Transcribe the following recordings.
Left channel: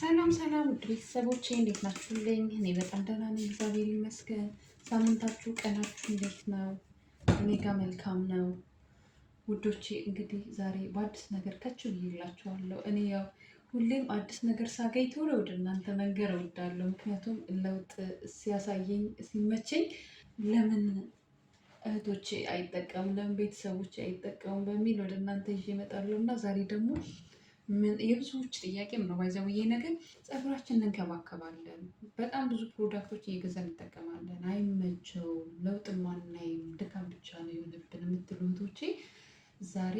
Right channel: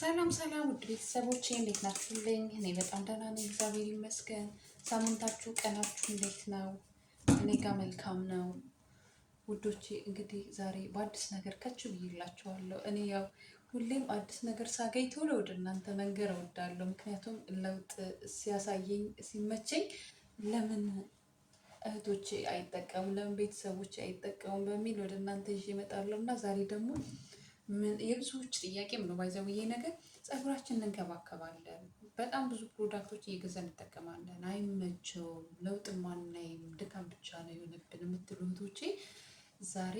ሰላም ሰላም ውድ ቤተሰቦቼ እንዴት ናችሁልኝ? እኔ በጣም ደህና ነኝ፣ እግዚአብሔር ይመስገን። ሳምንታችሁ ቀናችሁ እንዴት ነው? እኔ ጋር መልካም ነው ውዶቼ። እንግዲህ ዛሬ በአዲስ ነገር ከች ብዬላችኋለሁ። እኔ ያው ሁሌም አዲስ ነገር ሳገኝ ቶሎ ወደ እናንተ መንገር እወዳለሁ። ምክንያቱም ለውጥ ሲያሳየኝ ሲመቸኝ ለምን እህቶቼ አይጠቀሙም፣ ለምን ቤተሰቦቼ አይጠቀሙም በሚል ወደ እናንተ ይዤ እመጣለሁ እና ዛሬ ደግሞ የብዙዎች ጥያቄም ነው ባይዘው ይሄ ነገር ፀጉራችንን እንከባከባለን። በጣም ብዙ ፕሮዳክቶች እየገዛን እንጠቀማለን። አይመቸውም፣ ለውጥ ማናይም፣ ድካም ብቻ ነው የሆነብን የምትሉ እህቶቼ ዛሬ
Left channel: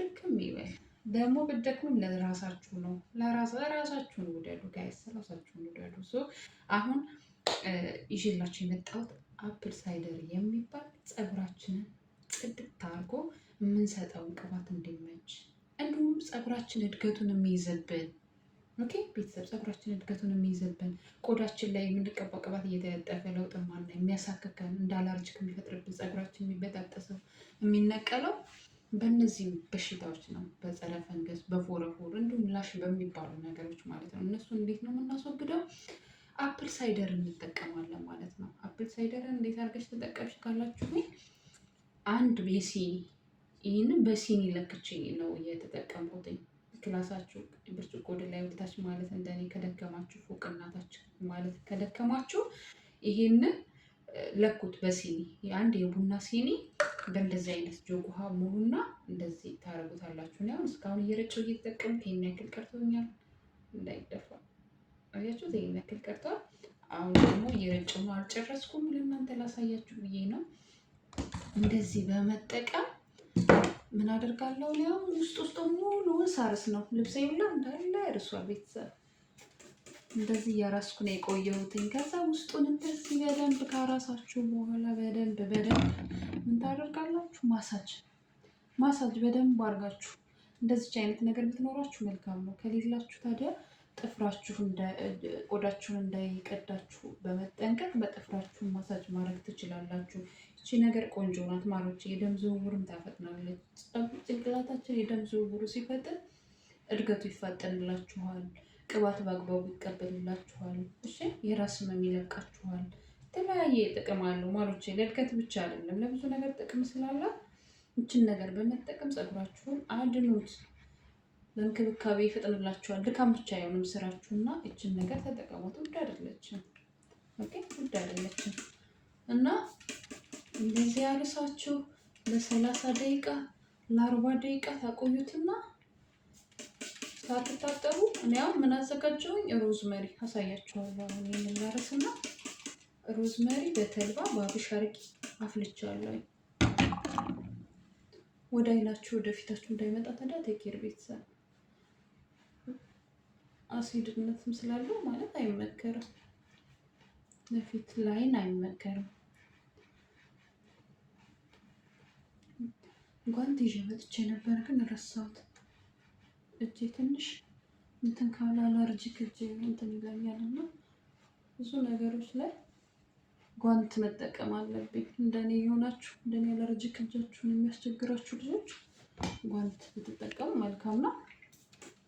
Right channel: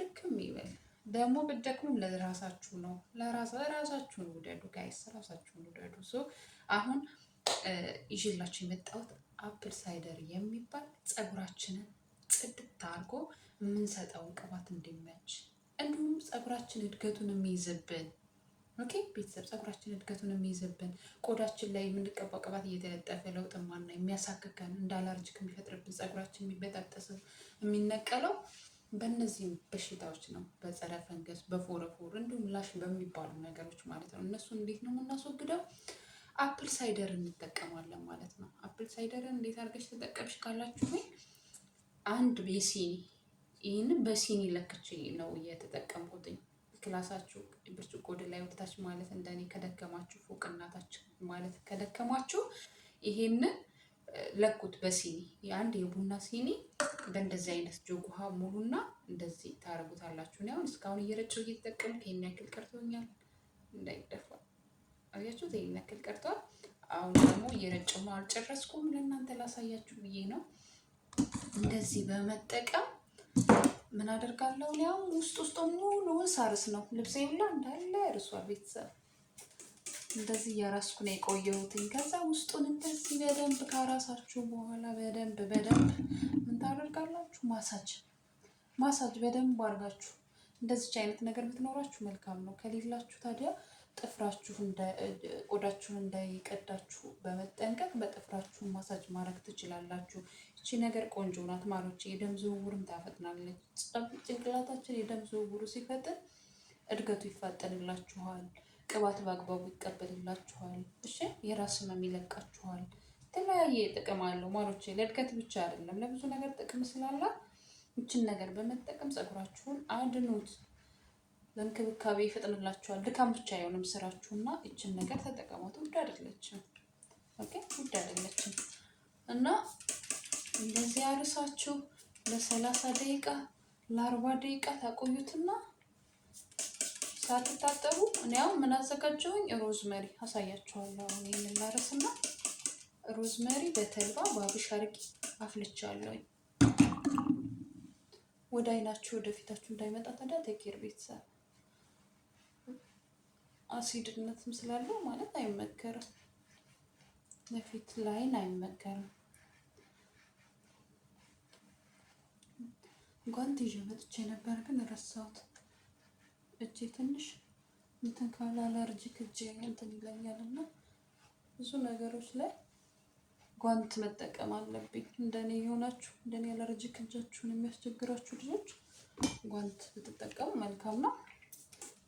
ድክም ይበል። ደግሞ ብትደክሙም ለራሳችሁ ነው፣ ለራሳችሁን ውደዱ ጋይስ፣ ራሳችሁን ውደዱ። አሁን ይዤላችሁ የመጣሁት አፕል ሳይደር የሚባል ፀጉራችንን ጽድት አድርጎ የምንሰጠውን ቅባት እንዲመች እንዲሁም ፀጉራችን እድገቱን የሚይዝብን ቤተሰብ ፀጉራችን እድገቱን የሚይዝብን ቆዳችን ላይ የምንቀባው ቅባት እየተለጠፈ ለውጥ ማና የሚያሳክከን እንደ አላርጂክ የሚፈጥርብን ፀጉራችን የሚበጣጠሰው የሚነቀለው በእነዚህም በሽታዎች ነው። በጸረ ፈንገስ፣ በፎረፎር እንዲሁም ላሽ በሚባሉ ነገሮች ማለት ነው። እነሱ እንዴት ነው የምናስወግደው? አፕል ሳይደር እንጠቀማለን ማለት ነው። አፕል ሳይደርን እንዴት አድርገሽ ተጠቀምሽ ካላችሁ አንድ የሲኒ ይህንን በሲኒ ለክቼ ነው እየተጠቀምኩትኝ። ክላሳችሁ ብርጭቆ ወደ ላይ ወደታች ማለት እንደኔ ከደከማችሁ ፎቅናታች ማለት ከደከማችሁ ይሄንን ለኩት በሲኒ የአንድ የቡና ሲኒ በእንደዚህ አይነት ጆግ ውሃ ሙሉና እንደዚህ ታረጉታላችሁ። እኔ አሁን እስካሁን እየረጨው እየተጠቀምኩ ይሄን ያክል ቀርቶኛል። እንዳይደፋ አያችሁት? ይሄን ያክል ቀርቷል። አሁን ደግሞ እየረጨው ነው፣ አልጨረስኩም። ለእናንተ ላሳያችሁ ብዬ ነው። እንደዚህ በመጠቀም ምን አደርጋለሁ? ያው ውስጥ ሙሉውን ሳርስ ነው። ልብሴ ሁላ እንዳለ እርሷል። ቤተሰብ እንደዚህ እያራስኩ ነው የቆየሁትኝ። ከዛ ውስጡን እንደዚህ በደንብ ካራሳችሁ በኋላ በደንብ ምን ታደርጋላችሁ? ማሳጅ በደንብ አድርጋችሁ። እንደዚች አይነት ነገር ብትኖራችሁ መልካም ነው። ከሌላችሁ ታዲያ ቆዳችሁን እንዳይቀዳችሁ በመጠንቀቅ በጥፍራችሁ ማሳጅ ማድረግ ትችላላችሁ። እቺ ነገር ቆንጆ ናት ማሮች። የደም ዝውውርም ታፈጥናለች። ጭንቅላታችን የደም ዝውውሩ ሲፈጥን እድገቱ ይፋጠንላችኋል። ቅባት በአግባቡ ይቀበልላችኋል። እሺ፣ የራስ ህመም ይለቃችኋል። የተለያየ ጥቅም አለው ማሮች። ለእድገት ብቻ አይደለም፣ ለብዙ ነገር ጥቅም ስላላት እችን ነገር በመጠቀም ፀጉራችሁን አድኑት። ለእንክብካቤ ይፈጥንላችኋል። ድካም ብቻ አይሆንም ስራችሁና እችን ነገር ተጠቀሙት። ውድ አይደለችም። ውድ አይደለችም እና እንደዚህ ያልሳችሁ ለ30 ደቂቃ ለ40 ደቂቃ ታቆዩትና ሳትታጠቡ እኔ አሁን ምን አዘጋጀሁኝ? ሮዝመሪ አሳያችኋለሁ። አሁን ይሄንን ላረስና ሮዝመሪ በተልባ በአብሽ አድርጌ አፍልቻለሁ። ወደ አይናችሁ ወደ ፊታችሁ እንዳይመጣ ታዲያ ተኬር ቤተሰብ አሲድነትም ስላለው ማለት አይመከርም። ለፊት ላይን አይመከርም። ጓንት ይዤ መጥቼ ነበር ግን ረሳሁት። እጄ ትንሽ እንትን ካለ አለርጂክ እጄ እንትን ይለኛል እና ብዙ ነገሮች ላይ ጓንት መጠቀም አለብኝ። እንደኔ የሆናችሁ እንደኔ አለርጂክ እጃችሁን የሚያስቸግራችሁ ልጆች ጓንት ብትጠቀሙ መልካም ነው።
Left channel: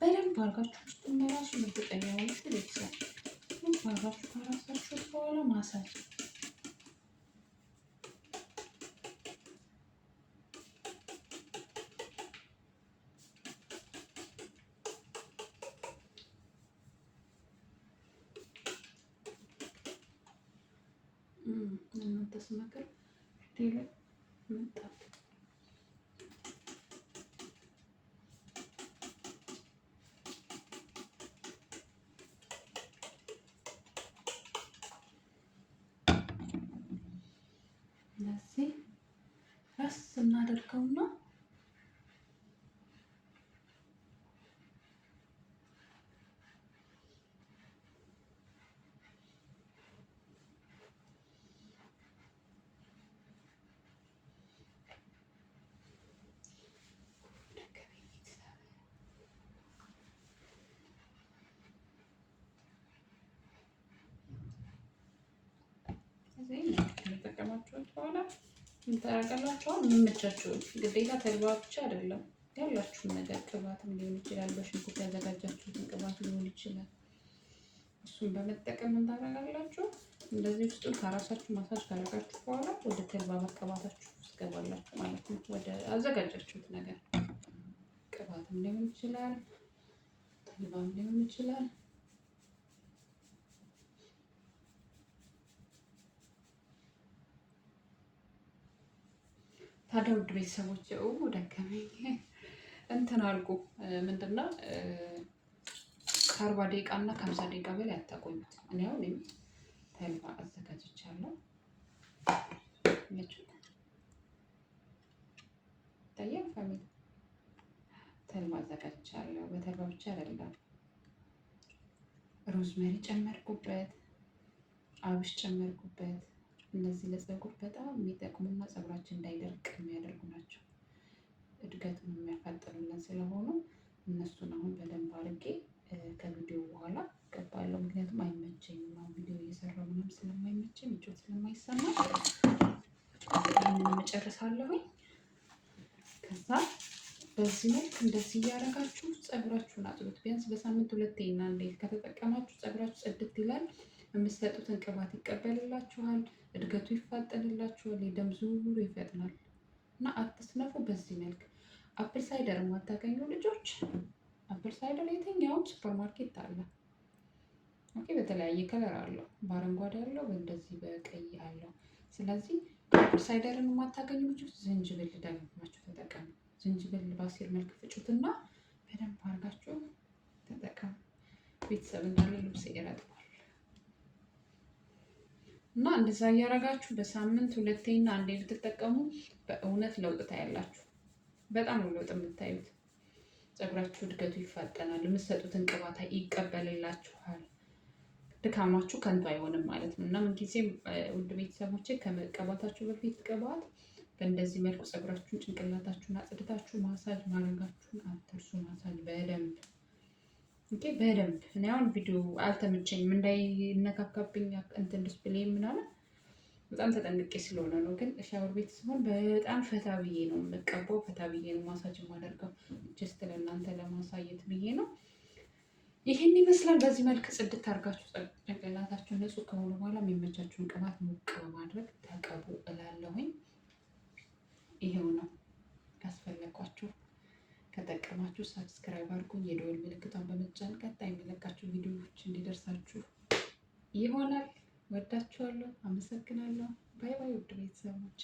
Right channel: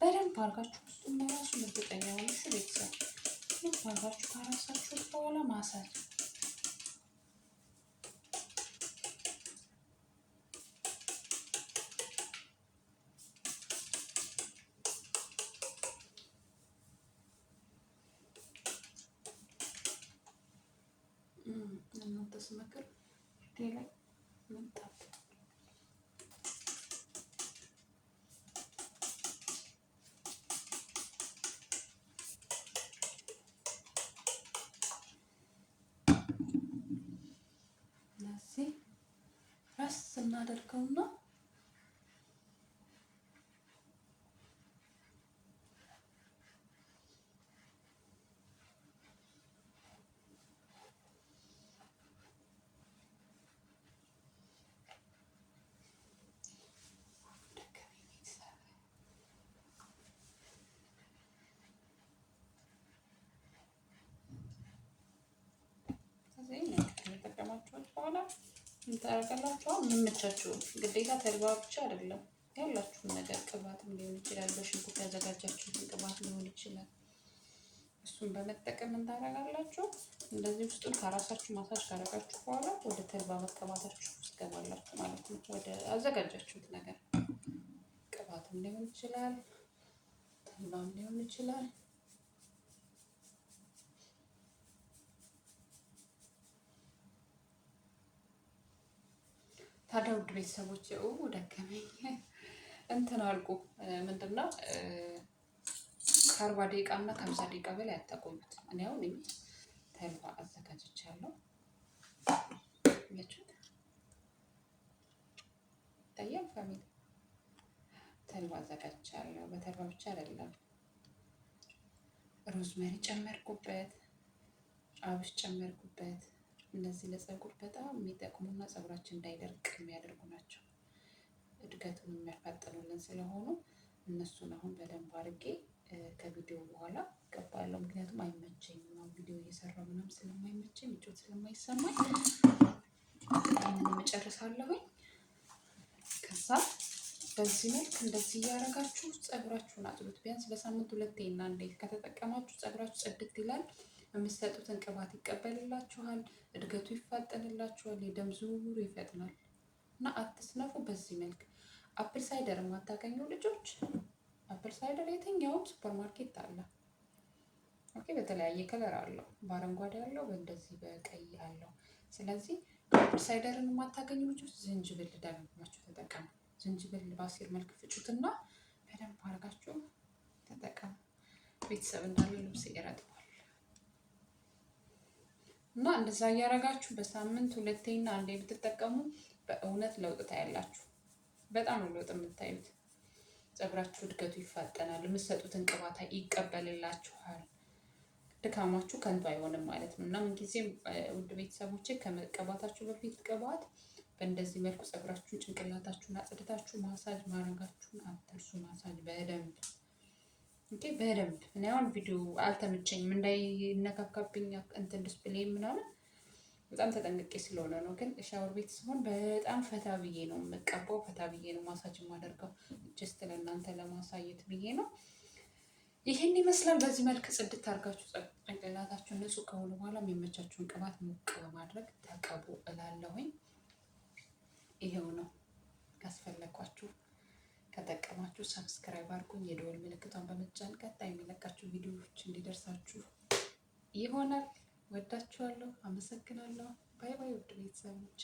በደንብ አድርጋችሁ ውስጡን መራሱ እርግጠኛ ሆነሽ ቤተሰብ አድርጋችሁ ካራሳችሁ በኋላ ማሳጅ እናንተ ስመክር ፊቴ ላይ መጣት ለዚህ ራስ እናደርገውና በኋላ እንጠራቀላችኋል። የሚመቻችሁ ግዴታ ተልባ ብቻ አይደለም፣ ያላችሁን ነገር ቅባትም ሊሆን ይችላል። በሽንኩርት ያዘጋጃችሁትን ቅባት ሊሆን ይችላል። እሱን በመጠቀም እንዳደረጋላችሁ እንደዚህ ውስጡን ከራሳችሁ ማሳጅ ካደረጋችሁ በኋላ ወደ ተልባ መቀባታችሁ ውስጥ ገባላችሁ ማለት ነው። ወደ አዘጋጃችሁት ነገር ቅባትም ሊሆን ይችላል፣ ተልባም ሊሆን ይችላል። ታዲያ ውድ ቤተሰቦች ደከመኝ እንትን አልኩ ምንድነው ከ40 ደቂቃ እና ከ50 ደቂቃ በላይ አታቆዩት። እኔ አሁን ተልባ አዘጋጅቻለሁ። ይታያል ፋሚሊ፣ ተልባ አዘጋጅቻለሁ። በተልባ ብቻ አይደለም፣ ሮዝመሪ ጨመርኩበት፣ አብሽ ጨመርኩበት። እነዚህ ለፀጉር በጣም የሚጠቅሙና ፀጉራችን እንዳይደርቅ የሚያደርጉ ናቸው። እድገቱን የሚያፋጥኑልን ስለሆኑ እነሱን አሁን በደንብ አድርጌ ከቪዲዮ በኋላ ገባለሁ። ምክንያቱም አይመቸኝም፣ አሁን ቪዲዮ እየሰራሁ ምናምን ስለማይመቸኝ ምቾት ስለማይሰማ ይህንን እጨርሳለሁኝ። ከዛ በዚህ መልክ እንደዚህ እያደረጋችሁ ፀጉራችሁን አጥሉት። ቢያንስ በሳምንት 2 እና እንዴት ከተጠቀማችሁ ፀጉራችሁ ጽድት ይላል። የምትሰጡትን ቅባት ይቀበልላችኋል፣ እድገቱ ይፋጠንላችኋል፣ የደም ዝውውሩ ይፈጥናል። እና አትስነፉ። በዚህ መልክ አፕል ሳይደር የማታገኙ ልጆች አፕል ሳይደር የትኛውም ሱፐር ማርኬት አለ። ኦኬ፣ በተለያየ ከለር አለው። በአረንጓዴ አለው፣ እንደዚህ በቀይ አለው። ስለዚህ አፕል ሳይደርን የማታገኙ ልጆች ዝንጅብል ደግማችሁ ተጠቀሙ። ዝንጅብል በአሲር መልክ ፍጩትና በደንብ አድርጋችሁ ተጠቀሙ። ቤተሰብ እንዳለ ልብስ ይረጥባል። እና እንደዛ እያደረጋችሁ በሳምንት 2 እና 1 ብትጠቀሙ በእውነት ለውጥ ታያላችሁ። በጣም ነው ለውጥ የምታዩት። ፀጉራችሁ እድገቱ ይፋጠናል፣ የምትሰጡትን ቅባት ይቀበልላችኋል፣ ድካማችሁ ከንቱ አይሆንም ማለት ነው። እና ምንጊዜም ውድ ቤተሰቦቼ ከመቀባታችሁ በፊት ቅባት በእንደዚህ መልኩ ፀጉራችሁን ጭንቅላታችሁን አጽድታችሁ ማሳጅ ማድረጋችሁን አትርሱ። ማሳጅ በደንብ በደንብ። እኔ አሁን ቪዲዮ አልተመቸኝም እንዳይነካካብኝ እንትን ዲስፕሌይ ምናምን በጣም ተጠንቅቄ ስለሆነ ነው። ግን ሻወር ቤት ሲሆን በጣም ፈታ ብዬ ነው የምቀባው፣ ፈታ ብዬ ነው ማሳጅ የማደርገው። ጀስት ለእናንተ ለማሳየት ብዬ ነው። ይህን ይመስላል። በዚህ መልክ ጽድት አድርጋችሁ ጭንቅላታችሁን ንጹህ ከሆኑ በኋላ የሚመቻችሁን ቅባት ሞቅ በማድረግ ተቀቡ እላለሁኝ። ይሄው ነው። ካስፈለኳችሁ ከጠቀማችሁ ሰብስክራይብ አድርጉኝ። የደወል ምልክቷን በመጫን ቀጣይ የሚለቃችሁ ቪዲዮዎች እንዲደርሳችሁ ይሆናል። ወዳችኋለሁ። አመሰግናለሁ። ባይ ባይ ውድ ቤተሰቦቼ።